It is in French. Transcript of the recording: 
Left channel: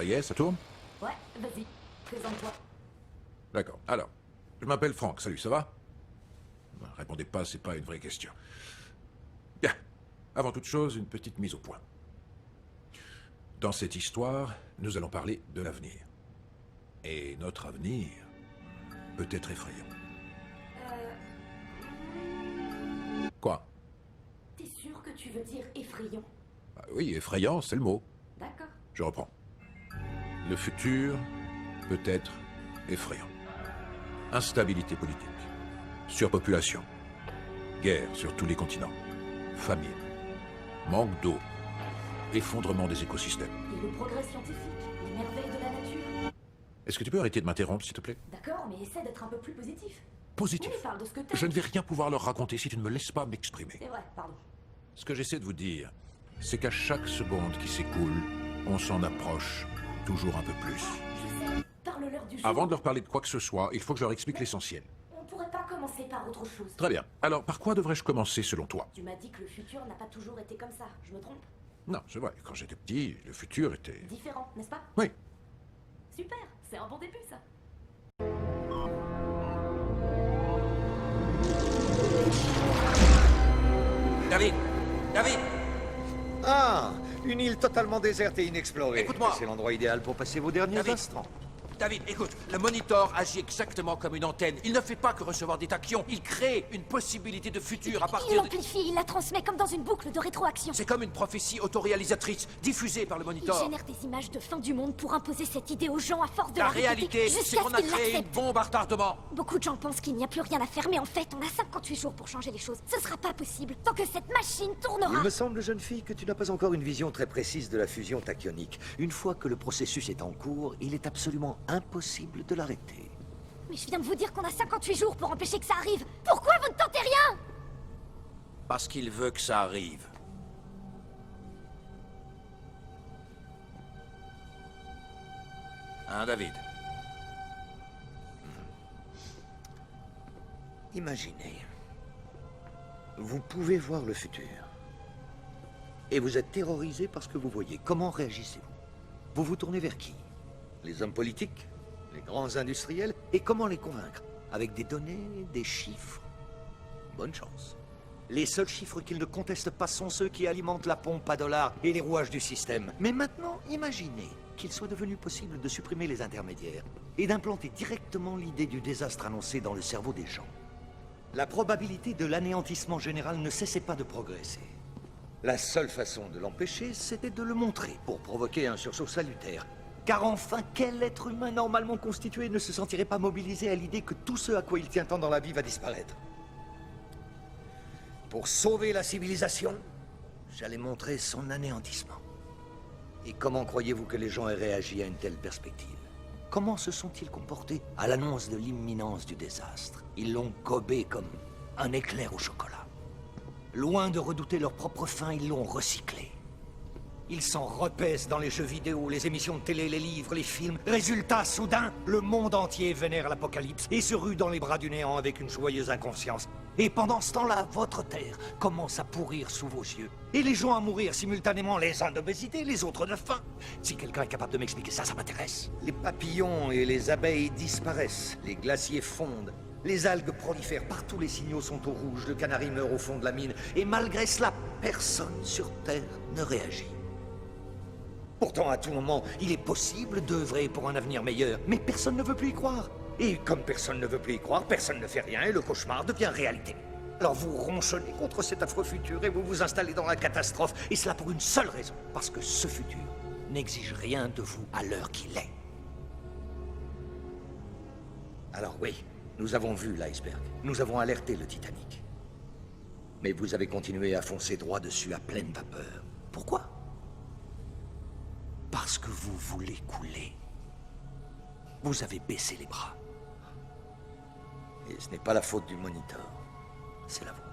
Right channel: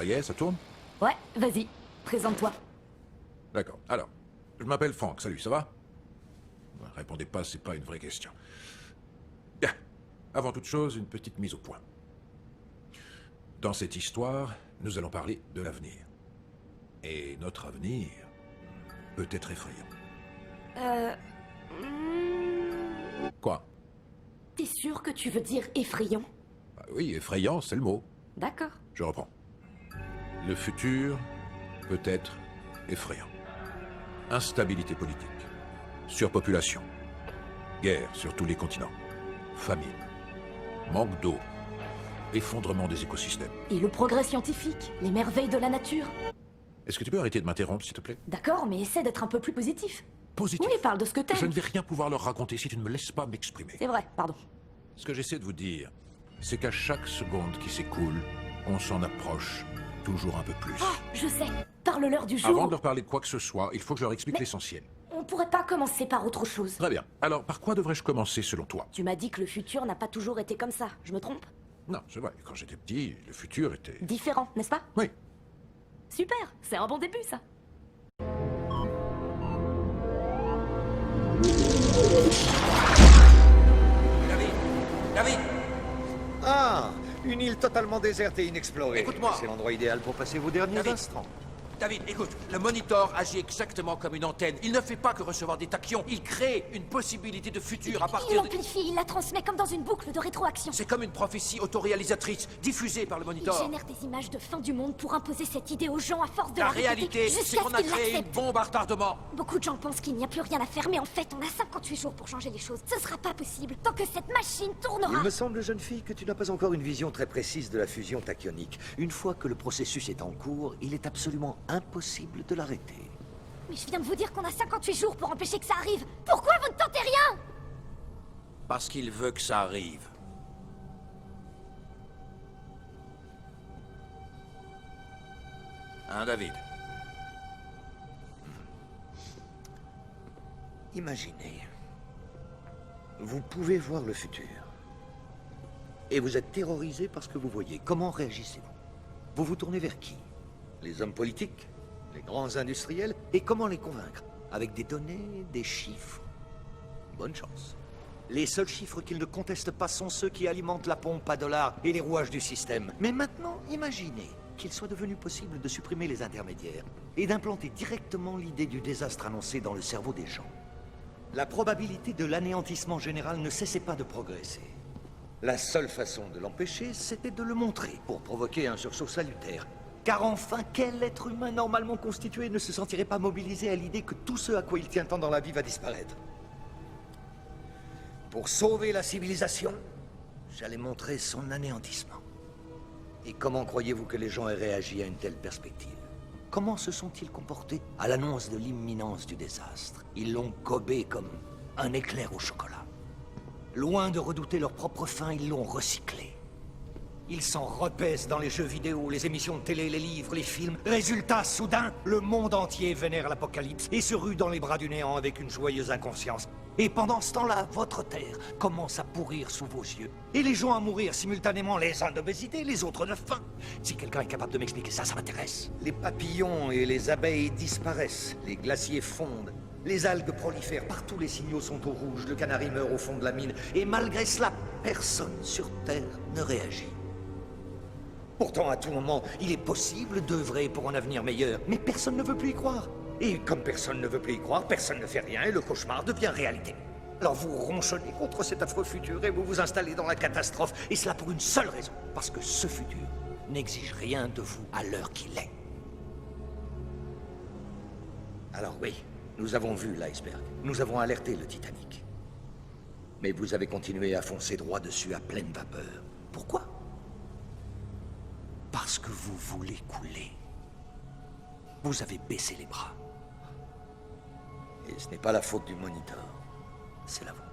Ça y est, ça tourne? Ouais, vas-y, présente-toi. D'accord. Alors, je m'appelle Franck, salut, ça va? Répondez pas, c'est pas une vraie question. Bien. Avant toute chose, une petite mise au point. Dans cette histoire, nous allons parler de l'avenir. Et notre avenir peut être effrayant. Quoi? T'es sûr que tu veux dire effrayant? Bah oui, effrayant, c'est le mot. D'accord. Je reprends. Le futur peut être effrayant. Instabilité politique, surpopulation, guerre sur tous les continents, famine, manque d'eau, effondrement des écosystèmes. Et le progrès scientifique, les merveilles de la nature. Est-ce que tu peux arrêter de m'interrompre, s'il te plaît? D'accord, mais essaie d'être un peu plus positif. Positif. Oui, parle de ce que Je t'aimes. ne vais rien pouvoir leur raconter si tu ne me laisses pas m'exprimer. C'est vrai, pardon. Ce que j'essaie de vous dire, c'est qu'à chaque seconde qui s'écoule, on s'en approche toujours un peu plus. Ah, je sais. Parle-leur du jour. Avant de leur parler de quoi que ce soit, il faut que je leur explique l'essentiel. On pourrait pas commencer par autre chose. Très bien. Alors, par quoi devrais-je commencer selon toi? Tu m'as dit que le futur n'a pas toujours été comme ça. Je me trompe? Non, c'est vrai. Quand j'étais petit, le futur était... Différent, n'est-ce pas? Oui. Super, c'est un bon début ça. David! David! Ah, une île totalement déserte et inexplorée. Écoute-moi. C'est l'endroit idéal pour passer vos derniers David. instants. David, écoute, le monitor agit exactement comme une antenne. Il ne fait pas que recevoir des tachyons, il crée une possibilité de futur à Il partir de... l'amplifie, il la transmet comme dans une boucle de rétroaction. C'est comme une prophétie autoréalisatrice, diffusée par le Il monitor. génère des images de fin du monde pour imposer cette idée aux gens à force de La répéter réalité, c'est jusqu'à qu'on ce a qu'ils créé une l'acceptent. bombe à retardement. Beaucoup de gens pensent qu'il n'y a plus rien à faire, mais en fait, on a 58 jours pour changer les choses. Ce sera pas possible tant que cette machine Il tournera. me semble, jeune fille, que tu n'as pas encore une vision très précise de la fusion tachyonique. Une fois que le processus est en cours, il est absolument impossible de l'arrêter. Mais je viens de vous dire qu'on a 58 jours pour empêcher que ça arrive. Pourquoi vous ne tentez rien? Parce qu'il veut que ça arrive. Hein, David? Imaginez. Vous pouvez voir le futur. Et vous êtes terrorisé par ce que vous voyez. Comment réagissez-vous? Vous vous tournez vers qui? Les hommes politiques? Les grands industriels? Et comment les convaincre? Avec des données, des chiffres? Bonne chance. Les seuls chiffres qu'ils ne contestent pas sont ceux qui alimentent la pompe à dollars et les rouages du système. Mais maintenant, imaginez qu'il soit devenu possible de supprimer les intermédiaires et d'implanter directement l'idée du désastre annoncé dans le cerveau des gens. La probabilité de l'anéantissement général ne cessait pas de progresser. La seule façon de l'empêcher, c'était de le montrer, pour provoquer un sursaut salutaire. Car enfin, quel être humain normalement constitué ne se sentirait pas mobilisé à l'idée que tout ce à quoi il tient tant dans la vie va disparaître? Pour sauver la civilisation, j'allais montrer son anéantissement. Et comment croyez-vous que les gens aient réagi à une telle perspective? Comment se sont-ils comportés à l'annonce de l'imminence du désastre? Ils l'ont gobé comme un éclair au chocolat. Loin de redouter leur propre fin, ils l'ont recyclé. Ils s'en repaissent dans les jeux vidéo, les émissions de télé, les livres, les films. Résultat, soudain, le monde entier vénère l'apocalypse et se rue dans les bras du néant avec une joyeuse inconscience. Et pendant ce temps-là, votre terre commence à pourrir sous vos yeux. Et les gens à mourir simultanément, les uns d'obésité, les autres de faim. Si quelqu'un est capable de m'expliquer ça, ça m'intéresse. Les papillons et les abeilles disparaissent, les glaciers fondent. Les algues prolifèrent, partout les signaux sont au rouge, le canari meurt au fond de la mine. Et malgré cela, personne sur Terre ne réagit. Pourtant, à tout moment, il est possible d'œuvrer pour un avenir meilleur, mais personne ne veut plus y croire. Et comme personne ne veut plus y croire, personne ne fait rien et le cauchemar devient réalité. Alors vous ronchonnez contre cet affreux futur et vous vous installez dans la catastrophe, et cela pour une seule raison, parce que ce futur n'exige rien de vous à l'heure qu'il est. Alors oui, nous avons vu l'iceberg, nous avons alerté le Titanic. Mais vous avez continué à foncer droit dessus à pleine vapeur. Pourquoi? Parce que vous voulez couler. Vous avez baissé les bras. Et ce n'est pas la faute du moniteur, c'est la vôtre.